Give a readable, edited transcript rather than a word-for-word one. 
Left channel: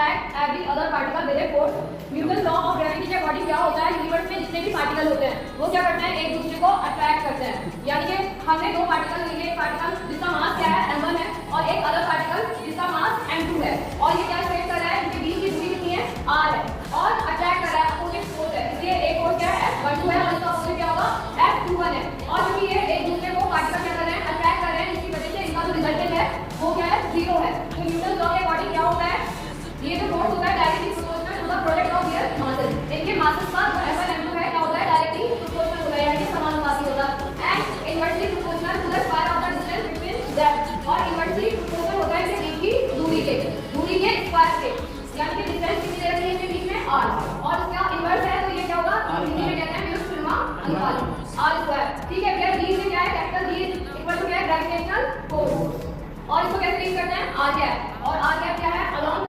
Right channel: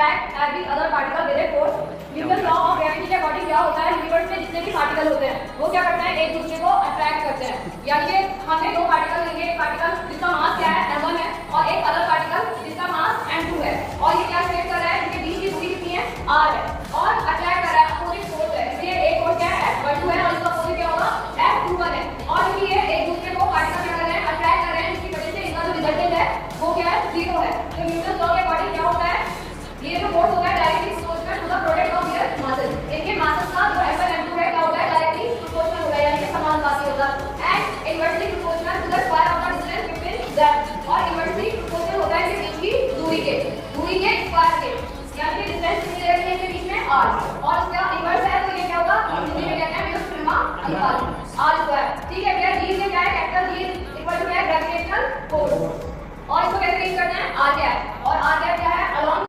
attract every other particle with a force. Newton law of gravity के according क्या होता है, यूनिवर्स में जितने भी पार्टिकल होते हैं वो क्या करते हैं, एक दूसरे को अट्रैक्ट करते हैं। यानी कि हमने दो पार्टिकल लेंगे, एक पार्टिकल जिसका मास क्या है m1 है और एक अदर पार्टिकल जिसका मास m2 है, और ये क्या शेयर कर रहा है, इनके बीच की दूरी कितनी है, r है, और अट्रैक्ट कर रहा है, अपोजिट फोर्स है। तो ये एक फोर्स क्या है, f12 है, और इसका अपोजिट क्या होगा, f21 है। और क्योंकि ये एक दूसरे को पार्टिकल क्या कर रहे हैं, अट्रैक्ट कर रहे हैं, जिसकी वजह से इनका जो रिजल्टेंट है वो क्या है, 0 है। तो न्यूटन लॉ के अकॉर्डिंग क्या होता है, ये जो फोर्स होता है directly proportional to the product of their masses. इनके मासेस का जो f1 m2 है क्या होता है, डायरेक्टली प्रोपोर्शनल होगा, यानी समानुपाती होगा, and inversely proportional to the square of the distance between them, और इनवर्सली प्रोपोर्शनल होता है इनके बीच की दूरी के स्क्वायर के, यानी कि डिस्टेंस कितनी रखी है इनके बीच में, r, और इसका इनवर्स है तो ये क्या होगा, हिंदी में कहते हैं व्युत्क्रम अनुपात, r स्क्वायर। ठीक है, फिर b में क्या है, कैपिटल b इक्वल टू क्या है, ग्रेविटेशनल फोर्स, और इसको कैसे रीड करना है, r कैप, और r कैप क्या है, अलोंग